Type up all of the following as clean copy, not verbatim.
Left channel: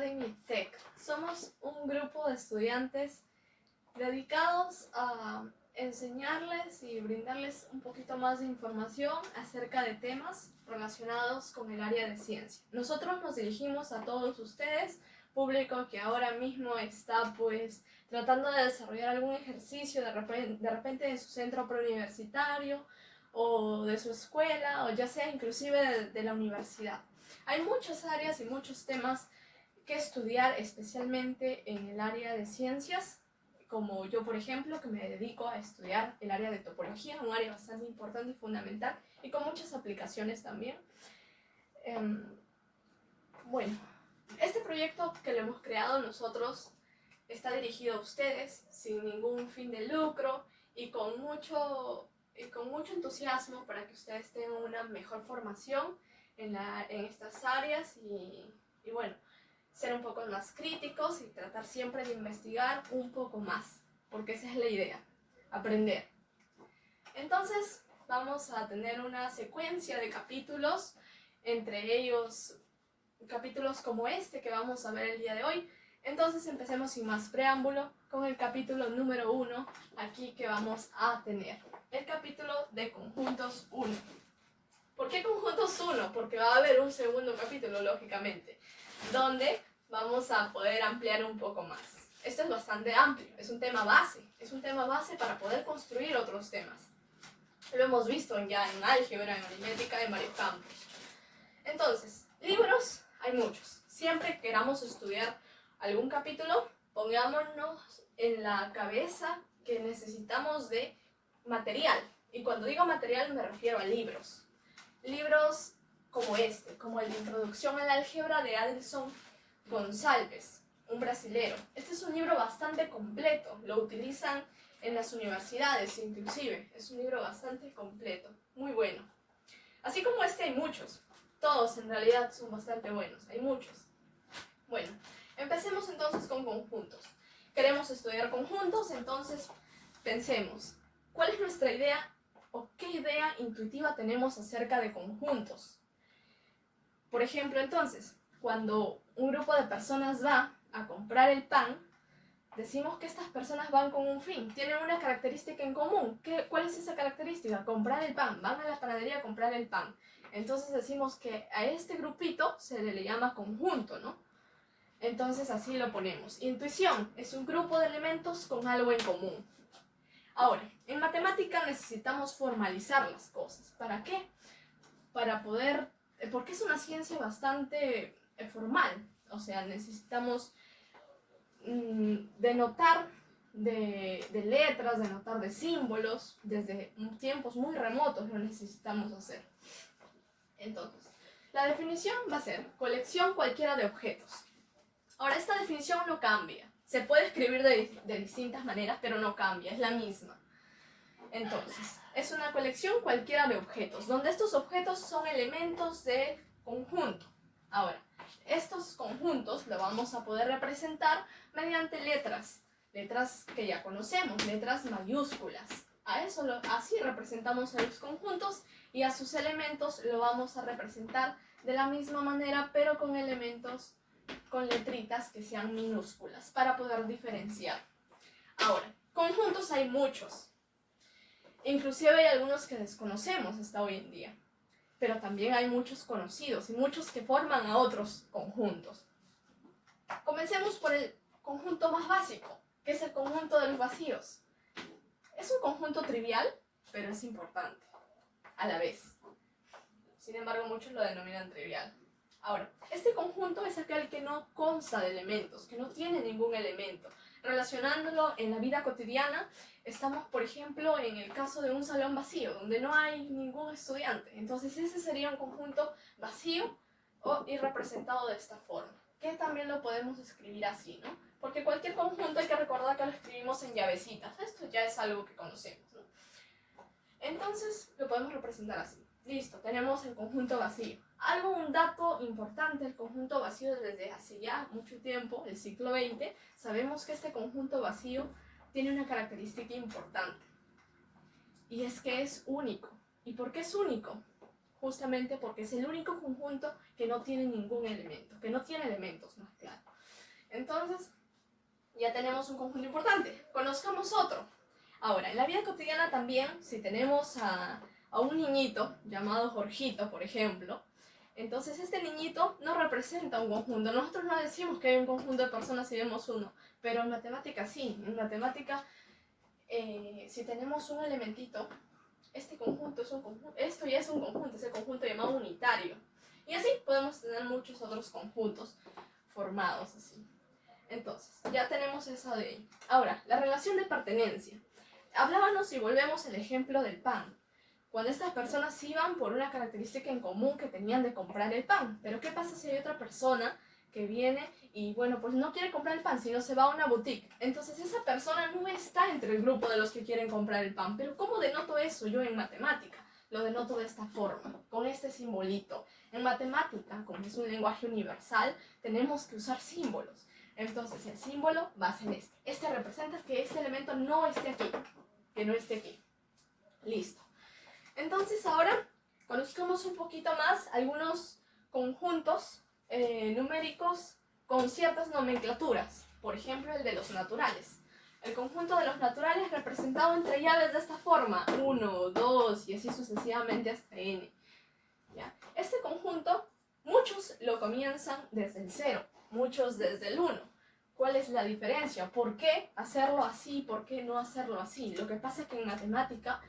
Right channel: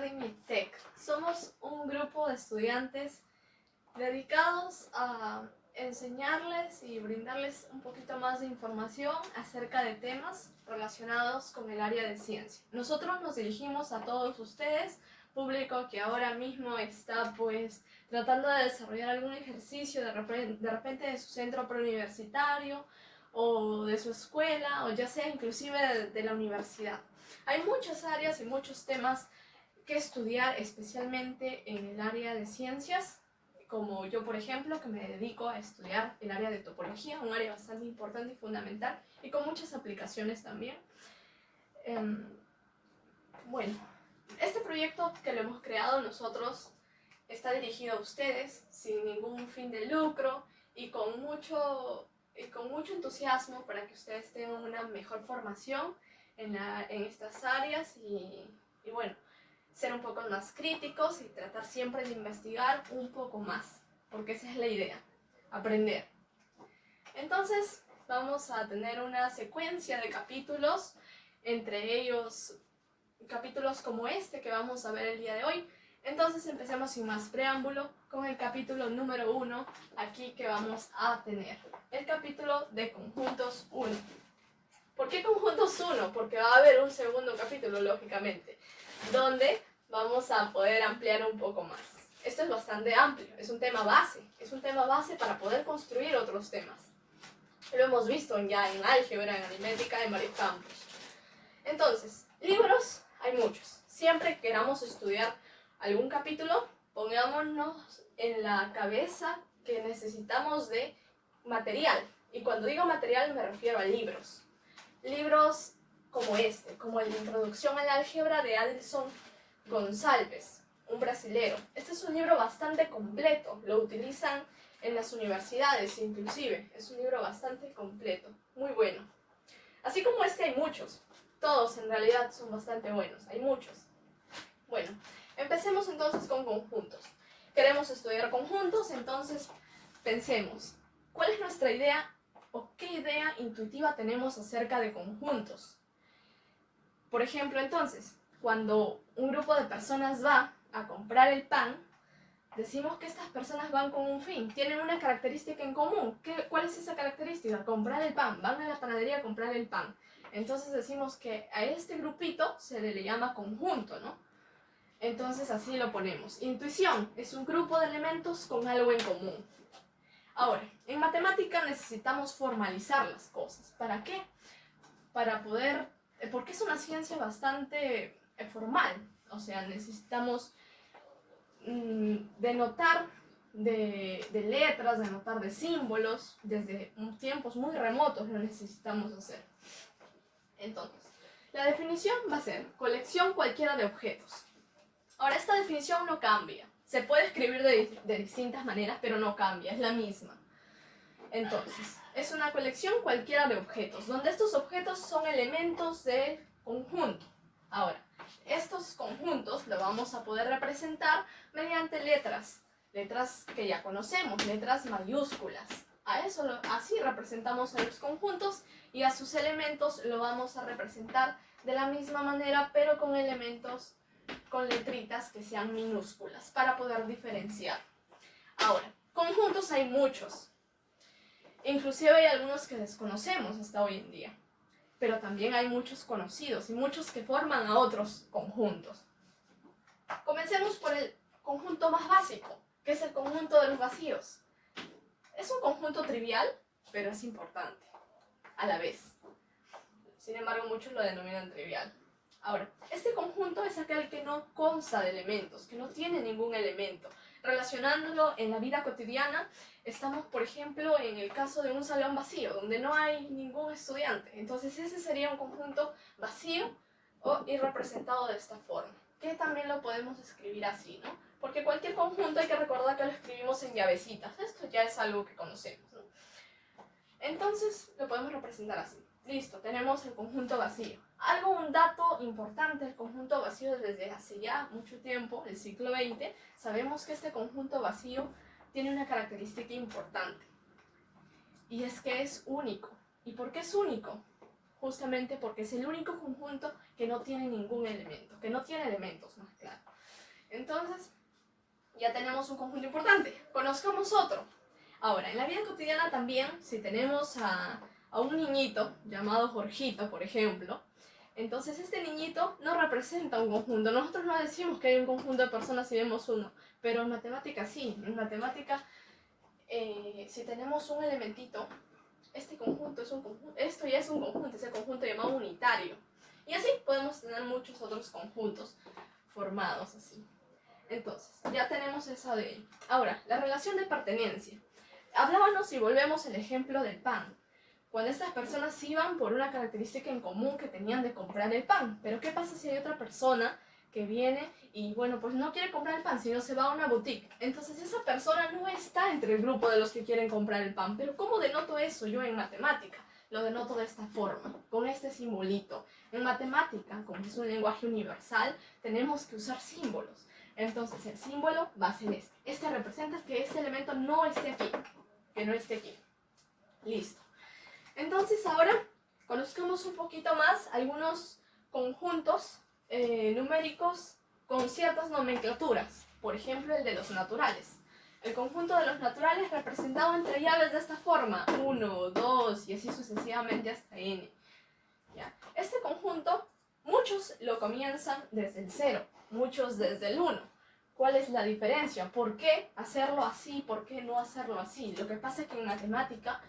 Academy Tech. Somos un grupo de estudiantes dedicados a enseñarles y brindarles un poquito más de información acerca de temas relacionados con el área de ciencia. Nosotros nos dirigimos a todos ustedes, público que ahora mismo está tratando de desarrollar algún ejercicio de repente de su centro preuniversitario o de su escuela, o ya sea inclusive de la universidad. Hay muchas áreas y muchos temas que estudiar, especialmente en el área de ciencias, como yo, por ejemplo, que me dedico a estudiar el área de topología, un área bastante importante y fundamental, y con muchas aplicaciones también. Bueno, este proyecto que lo hemos creado nosotros está dirigido a ustedes sin ningún fin de lucro y con mucho entusiasmo para que ustedes tengan una mejor formación en estas áreas y bueno, ser un poco más críticos y tratar siempre de investigar un poco más, porque esa es la idea, aprender. Entonces vamos a tener una secuencia de capítulos, entre ellos capítulos como este que vamos a ver el día de hoy. Entonces empecemos sin más preámbulo con el capítulo número 1 aquí que vamos a tener. El capítulo de conjuntos 1. ¿Por qué conjuntos 1? Porque va a haber un segundo capítulo, lógicamente, donde vamos a poder ampliar un poco más. Esto es bastante amplio, es un tema base para poder construir otros temas. Lo hemos visto ya en álgebra, en aritmética, en varios campos. Entonces, libros hay muchos. Siempre que queramos estudiar algún capítulo, pongámonos en la cabeza que necesitamos de material. Y cuando digo material me refiero a libros. Libros como este, como el de Introducción al Álgebra de Adilson Gonçalves, un brasilero. Este es un libro bastante completo, lo utilizan en las universidades inclusive. Es un libro bastante completo, muy bueno. Así como este hay muchos, todos en realidad son bastante buenos, hay muchos. Bueno, empecemos entonces con conjuntos. Queremos estudiar conjuntos, entonces pensemos, ¿cuál es nuestra idea o qué idea intuitiva tenemos acerca de conjuntos? Por ejemplo, entonces, cuando un grupo de personas va a comprar el pan, decimos que estas personas van con un fin, tienen una característica en común. ¿Cuál es esa característica? Comprar el pan, van a la panadería a comprar el pan. Entonces decimos que a este grupito se le llama conjunto, ¿no? Entonces así lo ponemos. Intuición es un grupo de elementos con algo en común. Ahora, en matemática necesitamos formalizar las cosas. ¿Para qué? Para poder, porque es una ciencia bastante formal. O sea, necesitamos denotar de letras, denotar de símbolos. Desde tiempos muy remotos lo necesitamos hacer. Entonces, la definición va a ser colección cualquiera de objetos. Ahora, esta definición no cambia. Se puede escribir de distintas maneras, pero no cambia, es la misma. Entonces, es una colección cualquiera de objetos, donde estos objetos son elementos del conjunto. Ahora, estos conjuntos lo vamos a poder representar mediante letras que ya conocemos, letras mayúsculas. Así representamos a los conjuntos y a sus elementos lo vamos a representar de la misma manera, pero con elementos, con letritas que sean minúsculas para poder diferenciar. Ahora, conjuntos hay muchos. Inclusive hay algunos que desconocemos hasta hoy en día, pero también hay muchos conocidos y muchos que forman a otros conjuntos. Comencemos por el conjunto más básico, que es el conjunto de los vacíos. Es un conjunto trivial, pero es importante a la vez. Sin embargo, muchos lo denominan trivial. Ahora, este conjunto es aquel que no consta de elementos, que no tiene ningún elemento. Relacionándolo en la vida cotidiana, estamos, por ejemplo, en el caso de un salón vacío, donde no hay ningún estudiante. Entonces, ese sería un conjunto vacío y representado de esta forma, que también lo podemos escribir así, ¿no? Porque cualquier conjunto hay que recordar que lo escribimos en llavecitas. Esto ya es algo que conocemos, ¿no? Entonces, lo podemos representar así. Listo, tenemos el conjunto vacío. Un dato importante del conjunto vacío desde hace ya mucho tiempo, el siglo XX, sabemos que este conjunto vacío tiene una característica importante. Y es que es único. ¿Y por qué es único? Justamente porque es el único conjunto que no tiene ningún elemento, que no tiene elementos, más claro. Entonces, ya tenemos un conjunto importante. Conozcamos otro. Ahora, en la vida cotidiana también, si tenemos a un niñito llamado Jorgito, por ejemplo, entonces este niñito no representa un conjunto. Nosotros no decimos que hay un conjunto de personas si vemos uno, pero en matemática sí. En matemática, si tenemos un elementito, este conjunto es un conjunto, esto ya es un conjunto, es el conjunto llamado unitario. Y así podemos tener muchos otros conjuntos formados así. Entonces, ya tenemos esa de ahí. Ahora, la relación de pertenencia. Hablábamos y volvemos al ejemplo del pan. Cuando estas personas iban por una característica en común que tenían de comprar el pan. Pero ¿qué pasa si hay otra persona que viene y, bueno, pues no quiere comprar el pan, sino se va a una boutique? Entonces esa persona no está entre el grupo de los que quieren comprar el pan. Pero ¿cómo denoto eso yo en matemática? Lo denoto de esta forma, con este simbolito. En matemática, como es un lenguaje universal, tenemos que usar símbolos. Entonces el símbolo va a ser este. Este representa que este elemento no esté aquí, que no esté aquí. Listo. Entonces ahora conozcamos un poquito más algunos conjuntos numéricos con ciertas nomenclaturas. Por ejemplo, el de los naturales. El conjunto de los naturales representado entre llaves de esta forma. 1, 2 y así sucesivamente hasta n. ¿Ya? Este conjunto, muchos lo comienzan desde el 0, muchos desde el 1. ¿Cuál es la diferencia? ¿Por qué hacerlo así? ¿Por qué no hacerlo así? Lo que pasa es que en matemática,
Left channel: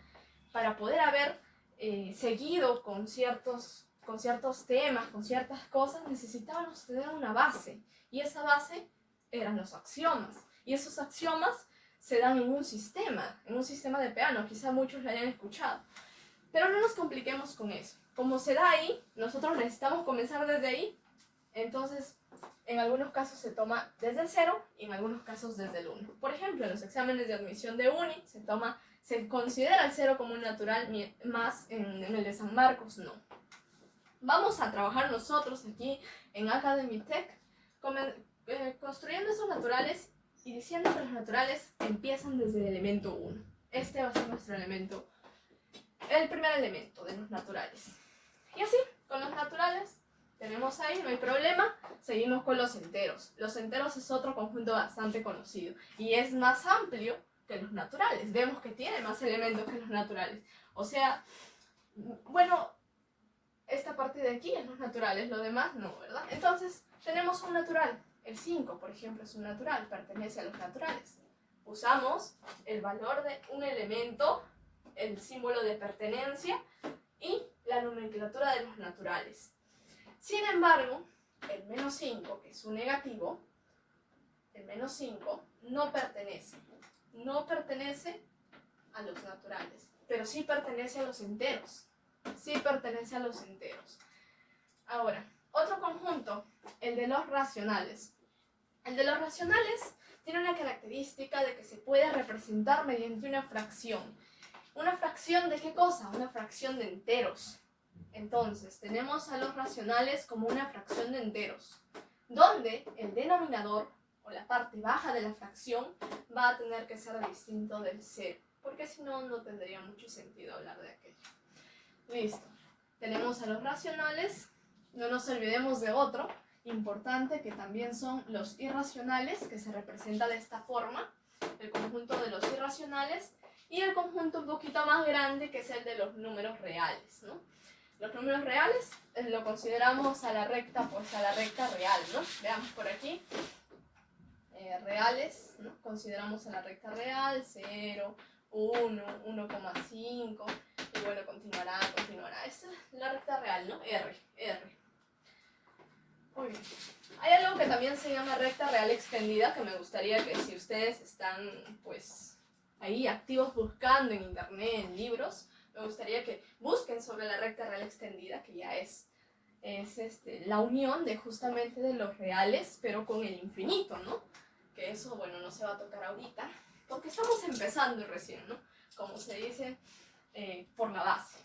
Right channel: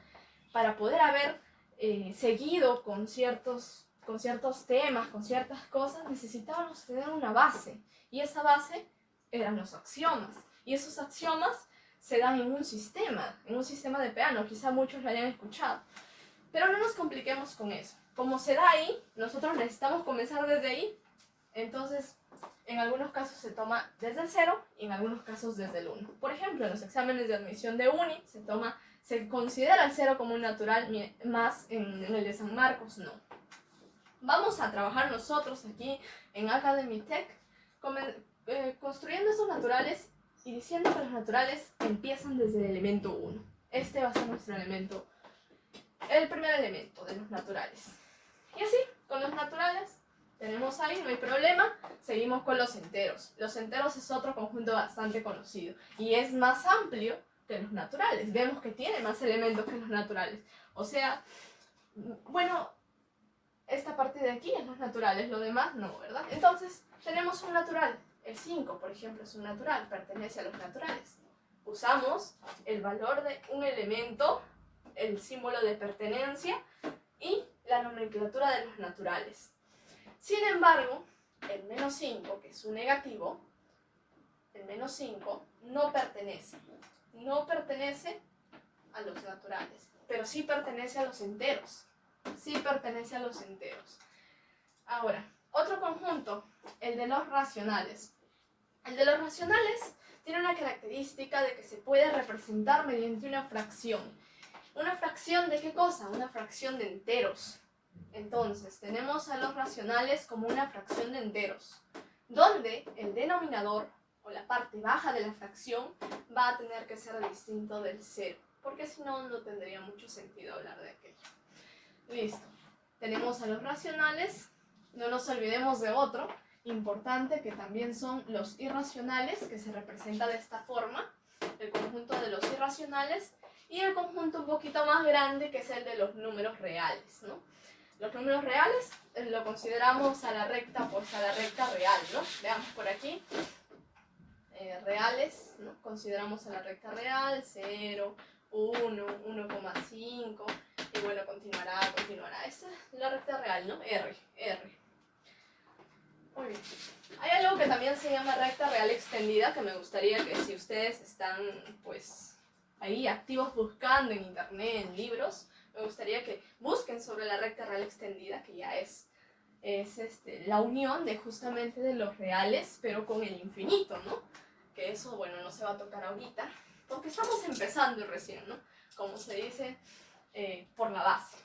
para poder haber seguido con ciertos temas, con ciertas cosas, necesitábamos tener una base. Y esa base eran los axiomas. Y esos axiomas se dan en un sistema de Peano. Quizá muchos lo hayan escuchado. Pero no nos compliquemos con eso. Como se da ahí, nosotros necesitamos comenzar desde ahí. Entonces, en algunos casos se toma desde el 0 y en algunos casos desde el 1. Por ejemplo, en los exámenes de admisión de uni se considera el 0 como un natural, más en el de San Marcos no. Vamos a trabajar nosotros aquí en Academy Tech construyendo esos naturales y diciendo que los naturales empiezan desde el elemento 1. Este va a ser nuestro elemento, el primer elemento de los naturales. Y así, con los naturales tenemos ahí, no hay problema. Seguimos con los enteros. Los enteros es otro conjunto bastante conocido y es más amplio que los naturales. Vemos que tiene más elementos que los naturales. O sea, bueno, esta parte de aquí es los naturales, lo demás no, ¿verdad? Entonces, tenemos un natural. El 5, por ejemplo, es un natural, pertenece a los naturales. Usamos el valor de un elemento, el símbolo de pertenencia y la nomenclatura de los naturales. Sin embargo, el menos 5, que es un negativo, el menos 5 no pertenece a los naturales, pero sí pertenece a los enteros. Ahora, otro conjunto, el de los racionales. El de los racionales tiene una característica de que se puede representar mediante una fracción. ¿Una fracción de qué cosa? Una fracción de enteros. Entonces, tenemos a los racionales como una fracción de enteros, donde el denominador, o la parte baja de la fracción, va a tener que ser distinto del 0, porque si no, no tendría mucho sentido hablar de aquello. Listo. Tenemos a los racionales, no nos olvidemos de otro importante que también son los irracionales, que se representa de esta forma, el conjunto de los irracionales, y el conjunto un poquito más grande que es el de los números reales, ¿no? Los números reales lo consideramos a la recta, pues a la recta real, ¿no? Veamos por aquí. Reales, ¿no? Consideramos a la recta real, 0, 1, 1,5, y bueno, continuará. Esta es la recta real, ¿no? R. Muy bien. Hay algo que también se llama recta real extendida, que me gustaría que si ustedes están, pues, ahí activos buscando en internet, en libros, me gustaría que busquen sobre la recta real extendida, que ya es la unión de justamente de los reales, pero con el infinito, ¿no? Que eso, bueno, no se va a tocar ahorita, porque estamos empezando recién, ¿no? Como se dice, por la base.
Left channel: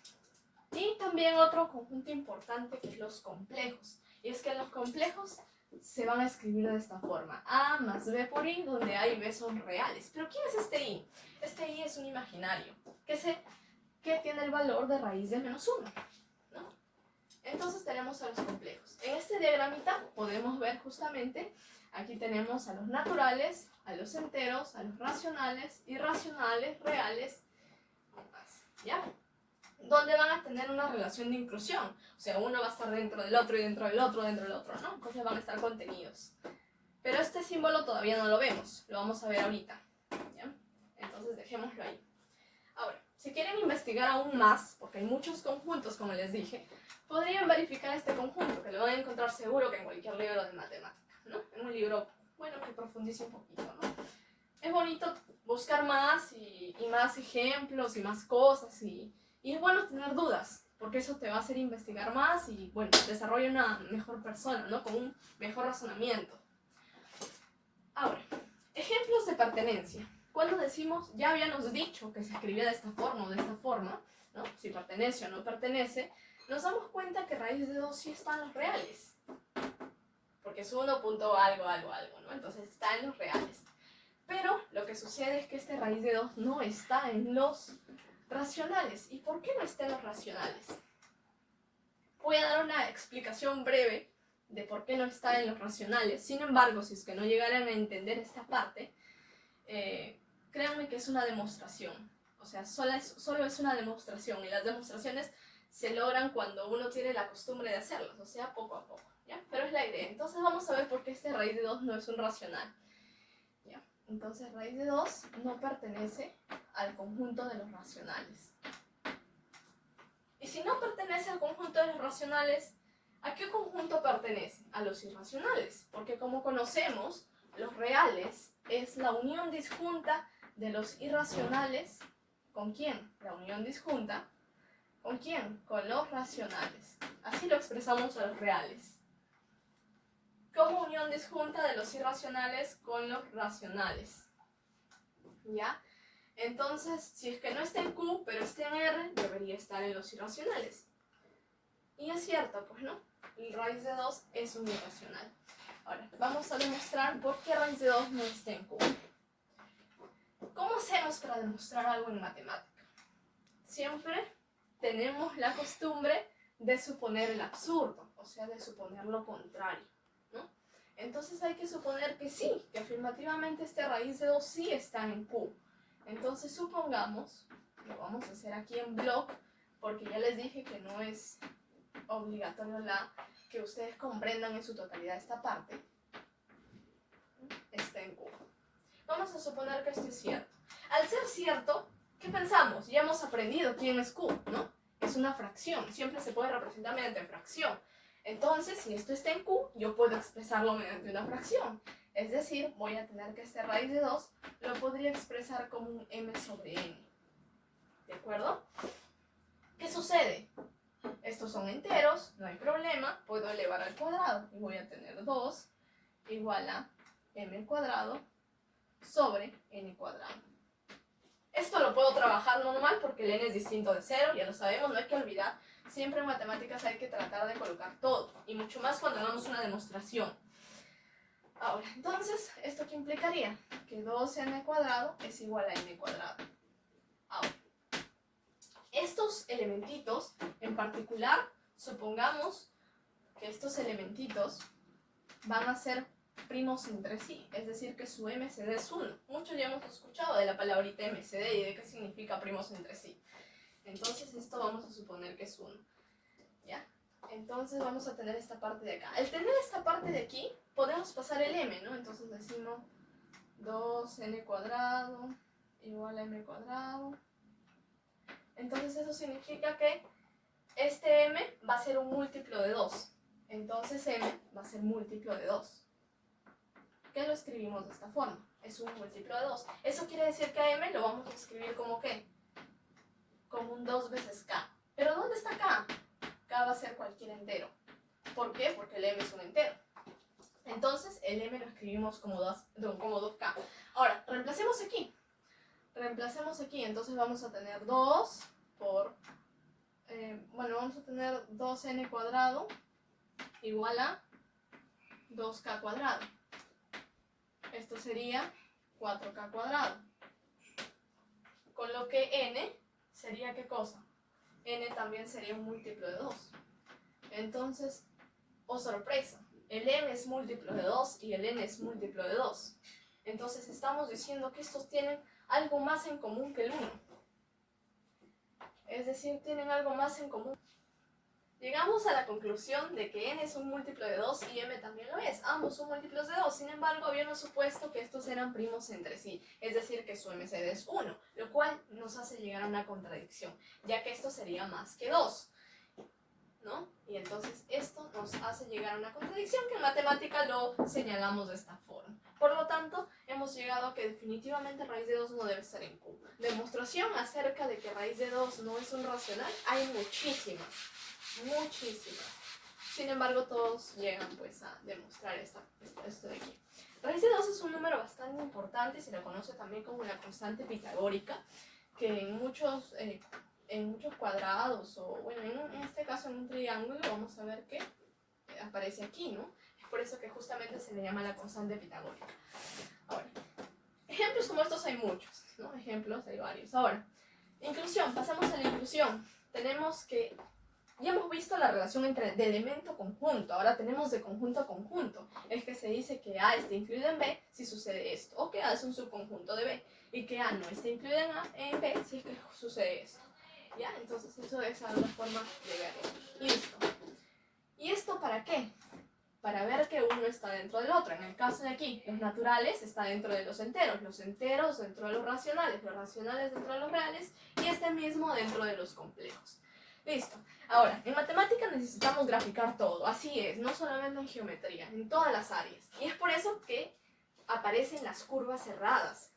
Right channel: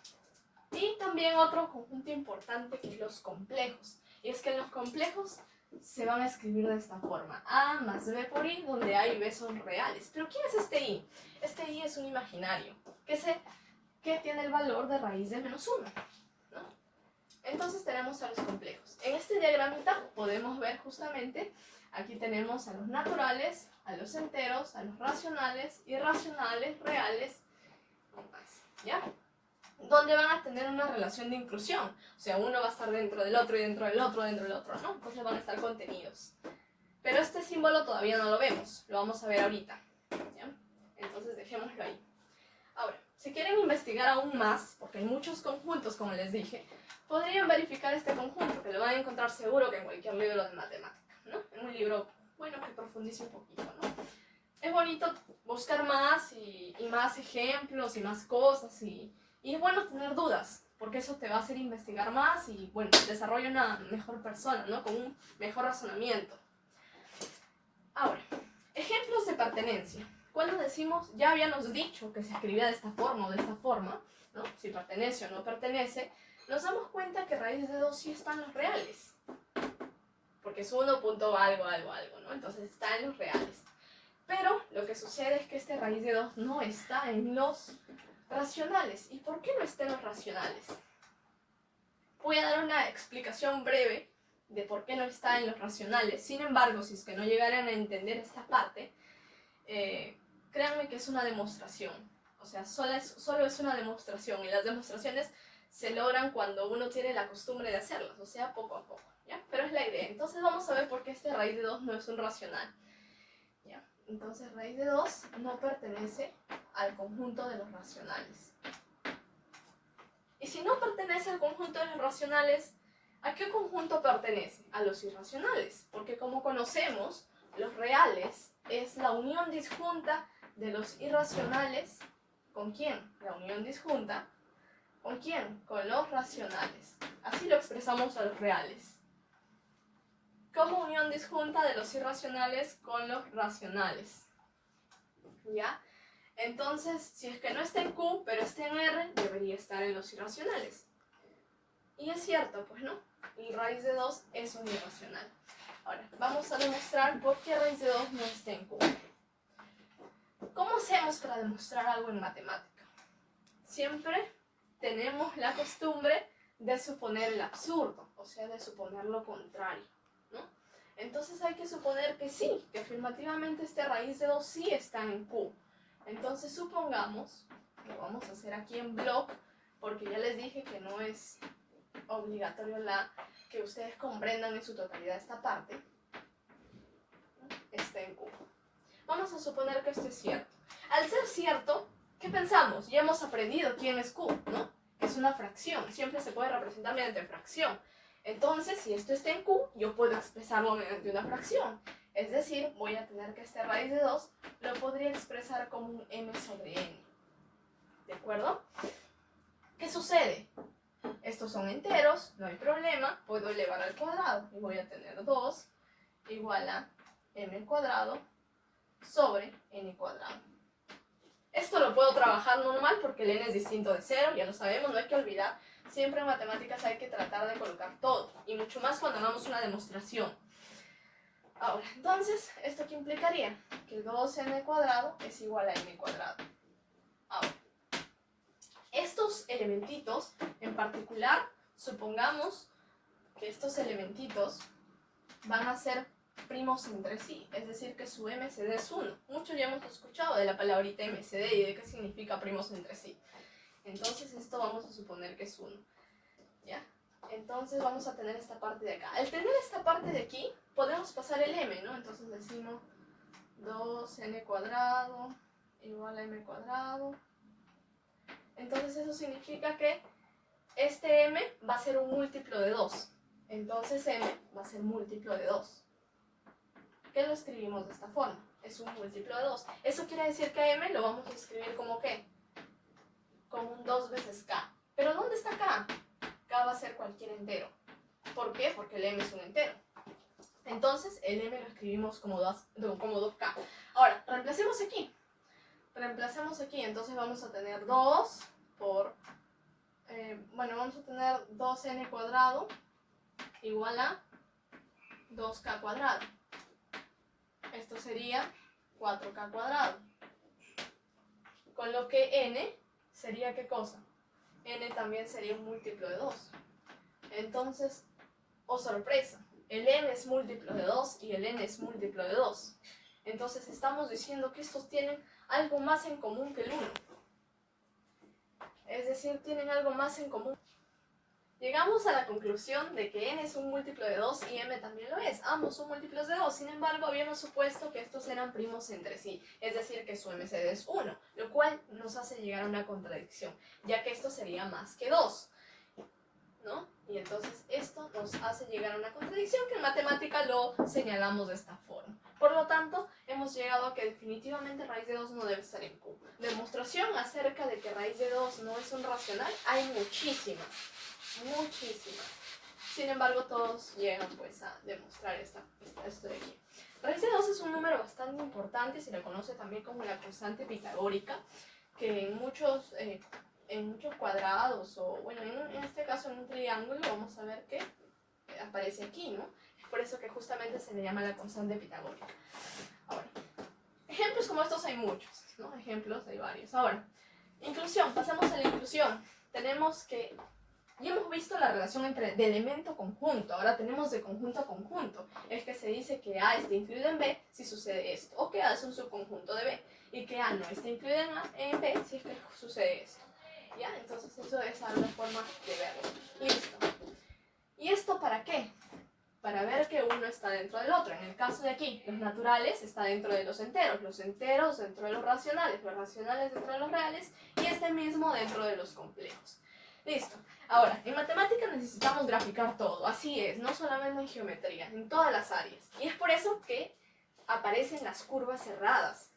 Y también otro conjunto importante que es los complejos. Y es que los complejos se van a escribir de esta forma. A más B por I, donde A y B son reales. ¿Pero quién es este I? Este I es un imaginario, que tiene el valor de raíz de menos 1, ¿no? Entonces tenemos a los complejos. En este diagramita podemos ver justamente, aquí tenemos a los naturales, a los enteros, a los racionales, irracionales, reales, ¿ya? Donde van a tener una relación de inclusión. O sea, uno va a estar dentro del otro y dentro del otro, dentro del otro, ¿no? Entonces van a estar contenidos. Pero este símbolo todavía no lo vemos, lo vamos a ver ahorita, ¿ya? Entonces dejémoslo ahí. Ahora, si quieren investigar aún más, porque hay muchos conjuntos, como les dije, podrían verificar este conjunto, que lo van a encontrar seguro que en cualquier libro de matemática, ¿no? En un libro, bueno, que profundice un poquito, ¿no? Es bonito buscar más y más ejemplos y más cosas y es bueno tener dudas, porque eso te va a hacer investigar más y, bueno, desarrolla una mejor persona, ¿no? Con un mejor razonamiento. Ahora, ejemplos de pertenencia. Cuando decimos, ya habíamos dicho que se escribía de esta forma o de esta forma, ¿no? Si pertenece o no pertenece, nos damos cuenta que raíz de 2 sí están los reales. Porque es 1 punto algo, algo, algo, ¿no? Entonces está en los reales. Pero lo que sucede es que este raíz de 2 no está en los racionales. ¿Y por qué no está en los racionales? Voy a dar una explicación breve de por qué no está en los racionales. Sin embargo, si es que no llegaran a entender esta parte, créanme que es una demostración. O sea, solo es una demostración. Y las demostraciones se logran cuando uno tiene la costumbre de hacerlas. O sea, poco a poco, ¿ya? Pero es la idea. Entonces vamos a ver por qué este raíz de 2 no es un racional, ¿ya? Entonces raíz de 2 no pertenece al conjunto de los racionales. Y si no pertenece al conjunto de los racionales, ¿a qué conjunto pertenece? A los irracionales, porque como conocemos, los reales es la unión disjunta de los irracionales. ¿Con quién? La unión disjunta. ¿Con quién? Con los racionales. Así lo expresamos a los reales. Como unión disjunta de los irracionales con los racionales. ¿Ya? Entonces, si es que no está en Q, pero está en R, debería estar en los irracionales. Y es cierto, pues no. El raíz de 2 es un irracional. Ahora, vamos a demostrar por qué raíz de 2 no está en Q. ¿Cómo hacemos para demostrar algo en matemática? Siempre tenemos la costumbre de suponer el absurdo, o sea, de suponer lo contrario, ¿no? Entonces hay que suponer que sí, que afirmativamente este raíz de 2 sí está en Q. Entonces supongamos, lo vamos a hacer aquí en block, porque ya les dije que no es obligatorio que ustedes comprendan en su totalidad esta parte, está en Q. Vamos a suponer que esto es cierto. Al ser cierto, ¿qué pensamos? Ya hemos aprendido quién es Q, ¿no? Es una fracción, siempre se puede representar mediante fracción. Entonces, si esto está en Q, yo puedo expresarlo mediante una fracción. Es decir, voy a tener que este raíz de 2 lo podría expresar como un m sobre n. ¿De acuerdo? ¿Qué sucede? Estos son enteros, no hay problema, puedo elevar al cuadrado y voy a tener 2 igual a m al cuadrado sobre n cuadrado. Esto lo puedo trabajar normal porque el n es distinto de 0, ya lo sabemos, no hay que olvidar. Siempre en matemáticas hay que tratar de colocar todo, y mucho más cuando hagamos una demostración. Ahora, entonces, ¿esto qué implicaría? Que 2n cuadrado es igual a n cuadrado. Ahora, estos elementitos, en particular, supongamos que estos elementitos van a ser primos entre sí, es decir, que su MCD es 1. Muchos ya hemos escuchado de la palabrita MCD y de qué significa primos entre sí. Entonces esto vamos a suponer que es 1. ¿Ya? Entonces vamos a tener esta parte de acá. Al tener esta parte de aquí, podemos pasar el m, ¿no? Entonces decimos 2n cuadrado igual a m cuadrado. Entonces eso significa que este m va a ser un múltiplo de 2. Entonces m va a ser múltiplo de 2. ¿Qué lo escribimos de esta forma? Es un múltiplo de 2. Eso quiere decir que m lo vamos a escribir como ¿qué? Como un 2 veces k. ¿Pero dónde está k? K va a ser cualquier entero. ¿Por qué? Porque el m es un entero. Entonces el m lo escribimos como 2k. Ahora, reemplacemos aquí. Entonces vamos a tener 2 por... vamos a tener 2n cuadrado igual a 2k cuadrado. Esto sería 4k cuadrado. Con lo que n sería ¿qué cosa? N también sería un múltiplo de 2. Entonces, oh sorpresa, el n es múltiplo de 2 y el n es múltiplo de 2. Entonces estamos diciendo que estos tienen algo más en común que el 1. Es decir, tienen algo más en común. Llegamos a la conclusión de que n es un múltiplo de 2 y m también lo es. Ambos son múltiplos de 2. Sin embargo, habíamos supuesto que estos eran primos entre sí. Es decir, que su MCD es 1, lo cual nos hace llegar a una contradicción, ya que esto sería más que 2, ¿no? Y entonces esto nos hace llegar a una contradicción que en matemática lo señalamos de esta forma. Por lo tanto, hemos llegado a que definitivamente raíz de 2 no debe estar en Q. Demostración acerca de que raíz de 2 no es un racional hay muchísimas. Sin embargo, todos llegan pues a demostrar esto de aquí. Raíz de 2 es un número bastante importante, se le conoce también como la constante pitagórica, que en muchos cuadrados, o bueno, en este caso en un triángulo, vamos a ver que aparece aquí, ¿no? Es por eso que justamente se le llama la constante pitagórica. Ahora, ejemplos como estos hay muchos, ¿no? Ejemplos hay varios. Ahora, inclusión, pasamos a la inclusión. Tenemos que ya hemos visto la relación de elemento conjunto, ahora tenemos de conjunto a conjunto. Es que se dice que A está incluido en B si sucede esto, o que A es un subconjunto de B, y que A no está incluido en B si es que sucede esto. ¿Ya? Entonces eso es una forma de verlo. Listo. ¿Y esto para qué? Para ver que uno está dentro del otro. En el caso de aquí, los naturales está dentro de los enteros dentro de los racionales dentro de los reales, y este mismo dentro de los complejos. Listo. Ahora, en matemáticas necesitamos graficar todo, así es, no solamente en geometría, en todas las áreas. Y es por eso que aparecen las curvas cerradas,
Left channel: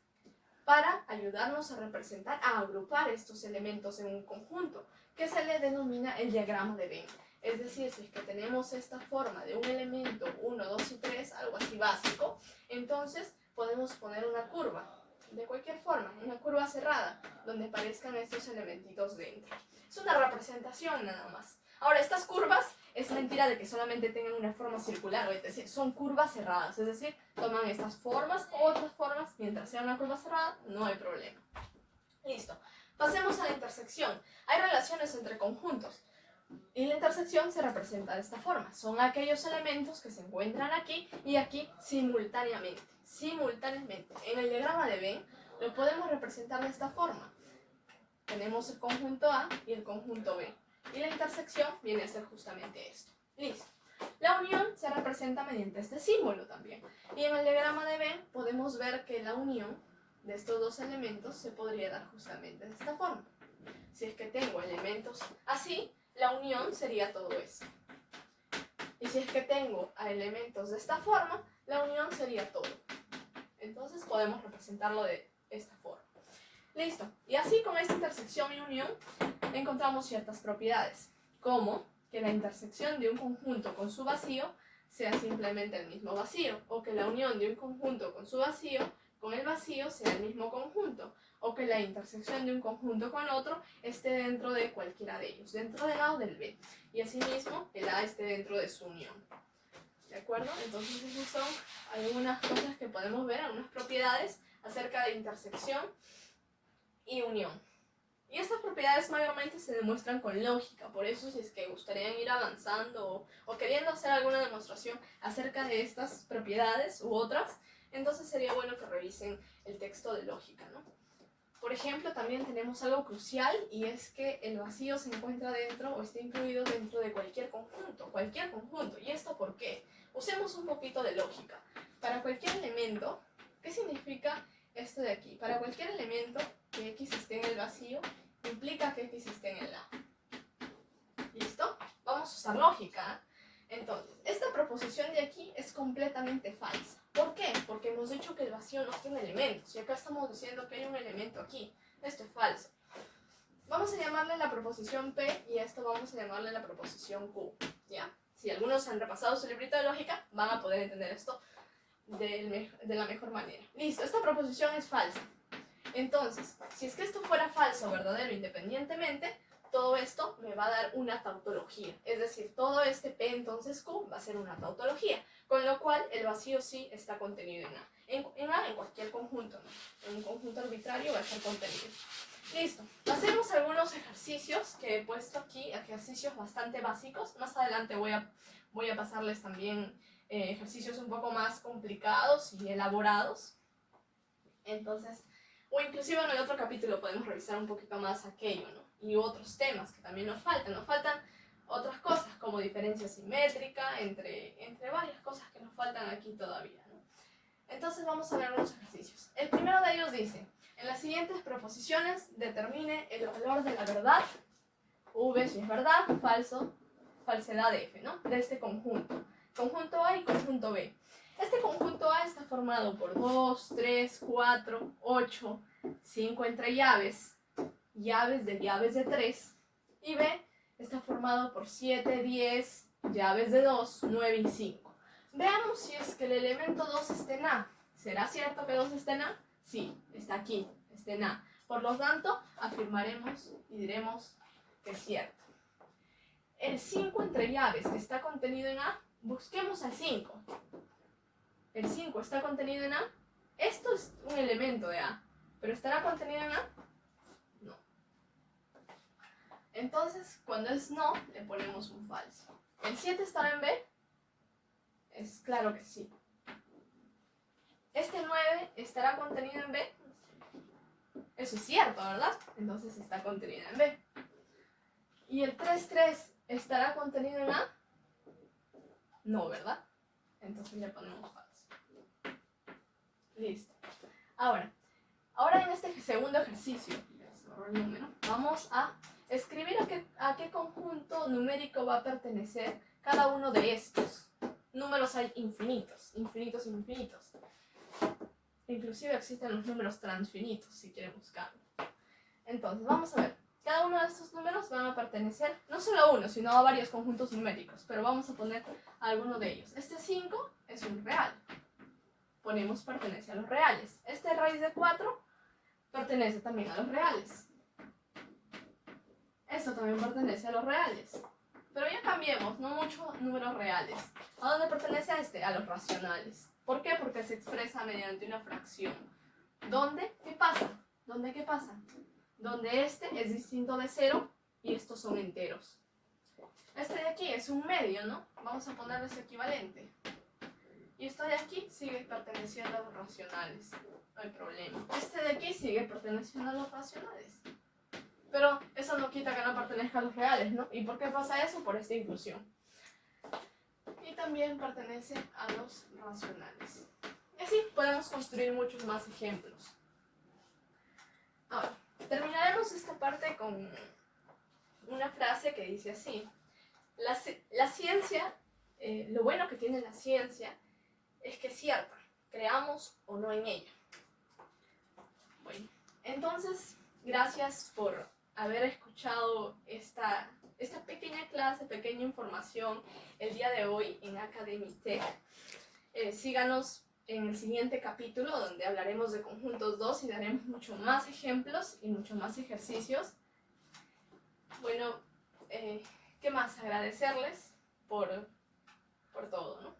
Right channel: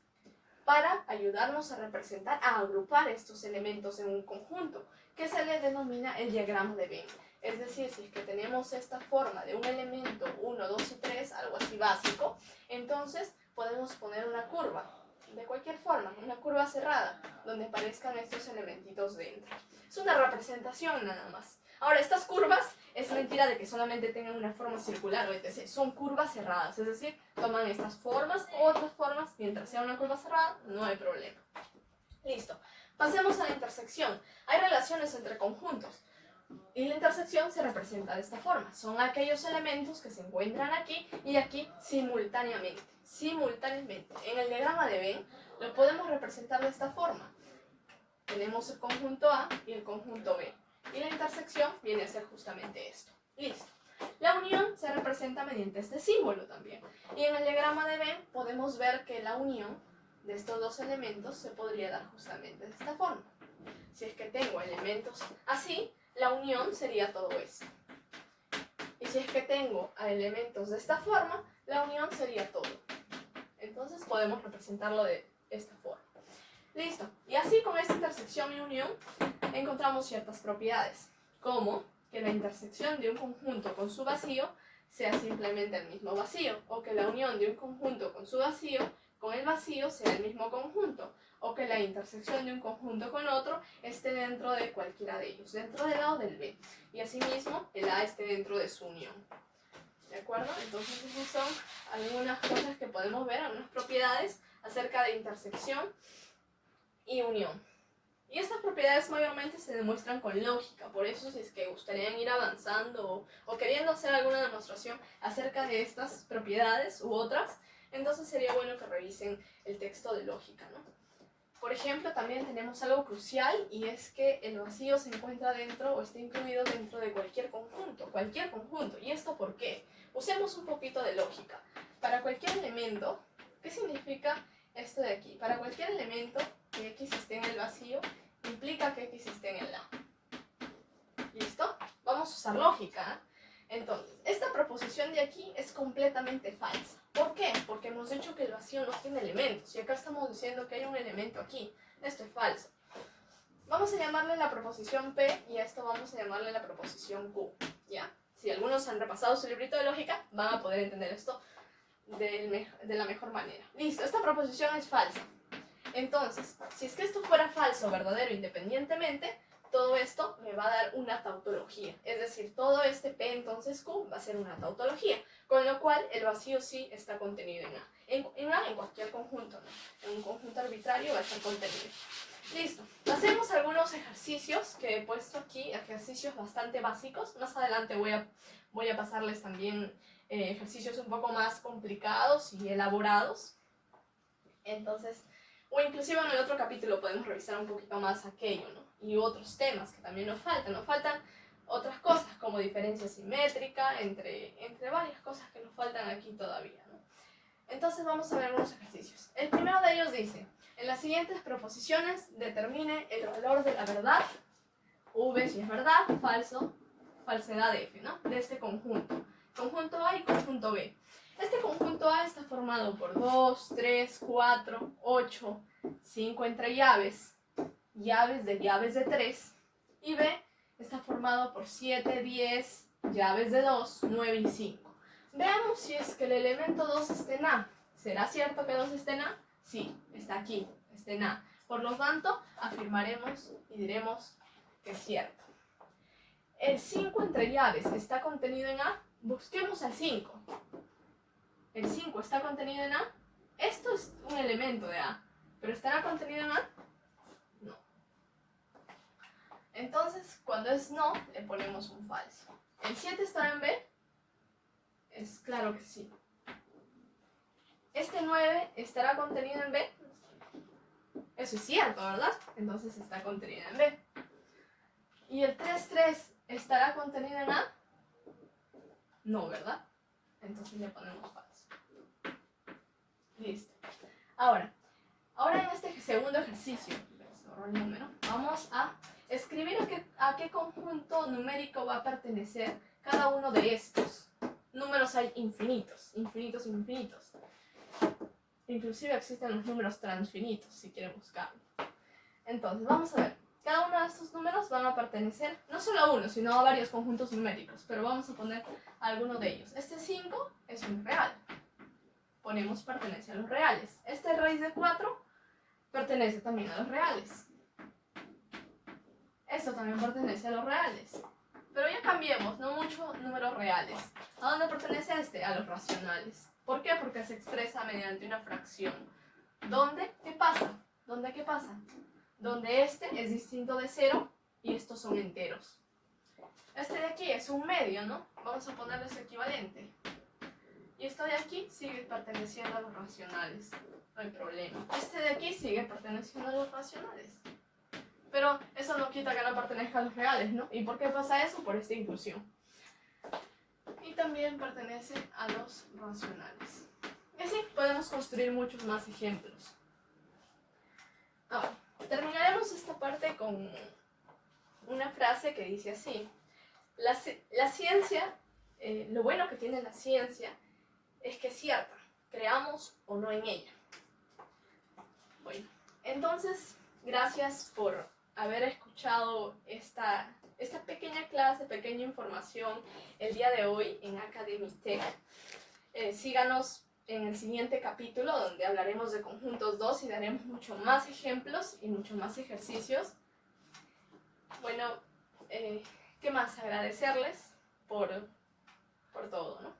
para ayudarnos a representar, a agrupar estos elementos en un conjunto, que se le denomina el diagrama de Venn. Es decir, si es que tenemos esta forma de un elemento 1, 2 y 3, algo así básico, entonces podemos poner una curva, de cualquier forma, una curva cerrada, donde aparezcan estos elementitos dentro. Es una representación nada más. Ahora, estas curvas, es mentira de que solamente tengan una forma circular o etc. Son curvas cerradas, es decir, toman estas formas o otras formas, mientras sea una curva cerrada, no hay problema. Listo. Pasemos a la intersección. Hay relaciones entre conjuntos. Y la intersección se representa de esta forma. Son aquellos elementos que se encuentran aquí y aquí simultáneamente. En el diagrama de Venn lo podemos representar de esta forma. Tenemos el conjunto A y el conjunto B. Y la intersección viene a ser justamente esto. Listo. La unión se representa mediante este símbolo también. Y en el diagrama de Venn podemos ver que la unión de estos dos elementos se podría dar justamente de esta forma. Si es que tengo elementos así, la unión sería todo esto. Y si es que tengo a elementos de esta forma, la unión sería todo. Entonces podemos representarlo de esta forma. Listo. Y así con esta intersección y unión encontramos ciertas propiedades, como que la intersección de un conjunto con su vacío sea simplemente el mismo vacío, o que la unión de un conjunto con su vacío con el vacío sea el mismo conjunto, o que la intersección de un conjunto con otro esté dentro de cualquiera de ellos, dentro del A o del B, y asimismo el A esté dentro de su unión. ¿De acuerdo? Entonces esas son algunas cosas que podemos ver, algunas propiedades acerca de intersección y unión. Y estas propiedades mayormente se demuestran con lógica, por eso si es que gustarían ir avanzando o queriendo hacer alguna demostración acerca de estas propiedades u otras, entonces sería bueno que revisen el texto de lógica, ¿no? Por ejemplo, también tenemos algo crucial, y es que el vacío se encuentra dentro o está incluido dentro de cualquier conjunto. ¿Y esto por qué? Usemos un poquito de lógica. Para cualquier elemento, ¿qué significa esto de aquí? Para cualquier elemento que X esté en el vacío, implica que X esté en el A. ¿Listo? Vamos a usar lógica. Entonces, esta proposición de aquí es completamente falsa. ¿Por qué? Porque hemos dicho que el vacío no tiene elementos, y acá estamos diciendo que hay un elemento aquí. Esto es falso. Vamos a llamarle la proposición P, y a esto vamos a llamarle la proposición Q. ¿Ya? Si algunos han repasado su librito de lógica, van a poder entender esto de la mejor manera. Listo, esta proposición es falsa. Entonces, si es que esto fuera falso o verdadero independientemente, todo esto me va a dar una tautología. Es decir, todo este P entonces Q va a ser una tautología, con lo cual el vacío sí está contenido en A. En A, en cualquier conjunto, ¿no? En un conjunto arbitrario va a estar contenido. Listo. Hacemos algunos ejercicios. ejercicios que he puesto aquí, ejercicios bastante básicos. Más adelante voy a pasarles también ejercicios un poco más complicados y elaborados. Entonces, o inclusive en el otro capítulo podemos revisar un poquito más aquello, ¿no? Y otros temas que también nos faltan. Nos faltan otras cosas como diferencia simétrica, entre varias cosas que nos faltan aquí todavía, ¿no? Entonces vamos a ver algunos ejercicios. El primero de ellos dice: en las siguientes proposiciones determine el valor de la verdad, V si es verdad, falso, falsedad F, ¿no? De este conjunto. Conjunto A y conjunto B. Este conjunto A está formado por 2, 3, 4, 8, 5 entre llaves, llaves de 3, y B está formado por 7, 10, llaves de 2, 9 y 5. Veamos si es que el elemento 2 está en A. ¿Será cierto que 2 está en A? Sí, está aquí, está en A. Por lo tanto, afirmaremos y diremos que es cierto. El 5 entre llaves está contenido en A. Busquemos al 5. El 5 está contenido en A. Esto es un elemento de A, pero ¿estará contenido en A? No. Entonces, cuando es no, le ponemos un falso. ¿El 7 estará en B? Es claro que sí. ¿Este 9 estará contenido en B? Eso es cierto, ¿verdad? Entonces está contenido en B. ¿Y el 3 estará contenido en A? No, ¿verdad? Entonces le ponemos falso. Listo. Ahora en este segundo ejercicio, el número, vamos a escribir a qué conjunto numérico va a pertenecer cada uno de estos. Números hay infinitos, infinitos, infinitos. Inclusive existen los números transfinitos, si quieren buscarlo. Entonces, vamos a ver. Cada uno de estos números van a pertenecer, no solo a uno, sino a varios conjuntos numéricos. Pero vamos a poner alguno de ellos. Este 5 es un real. Ponemos pertenece a los reales. Este raíz de 4 pertenece también a los reales. Esto también pertenece a los reales. Pero ya cambiemos, no muchos números reales. ¿A dónde pertenece este? A los racionales. ¿Por qué? Porque se expresa mediante una fracción. ¿Dónde? ¿Qué pasa? ¿Dónde qué pasa? Donde este es distinto de 0 y estos son enteros. Este de aquí es un medio, ¿no? Vamos a ponerle su equivalente. Y esto de aquí sigue perteneciendo a los racionales. No hay problema. Este de aquí sigue perteneciendo a los racionales. Pero eso no quita que no pertenezca a los reales, ¿no? ¿Y por qué pasa eso? Por esta inclusión. Y también pertenece a los racionales. Y así podemos construir muchos más ejemplos. Ahora, terminaremos esta parte con una frase que dice así: la ciencia, lo bueno que tiene la ciencia es que es cierta, creamos o no en ella. Bueno, entonces, gracias por haber escuchado esta pequeña clase, pequeña información el día de hoy en Academy Tech. Síganos en el siguiente capítulo, donde hablaremos de conjuntos 2 y daremos mucho más ejemplos y mucho más ejercicios. Bueno, ¿qué más? Agradecerles por todo, ¿no?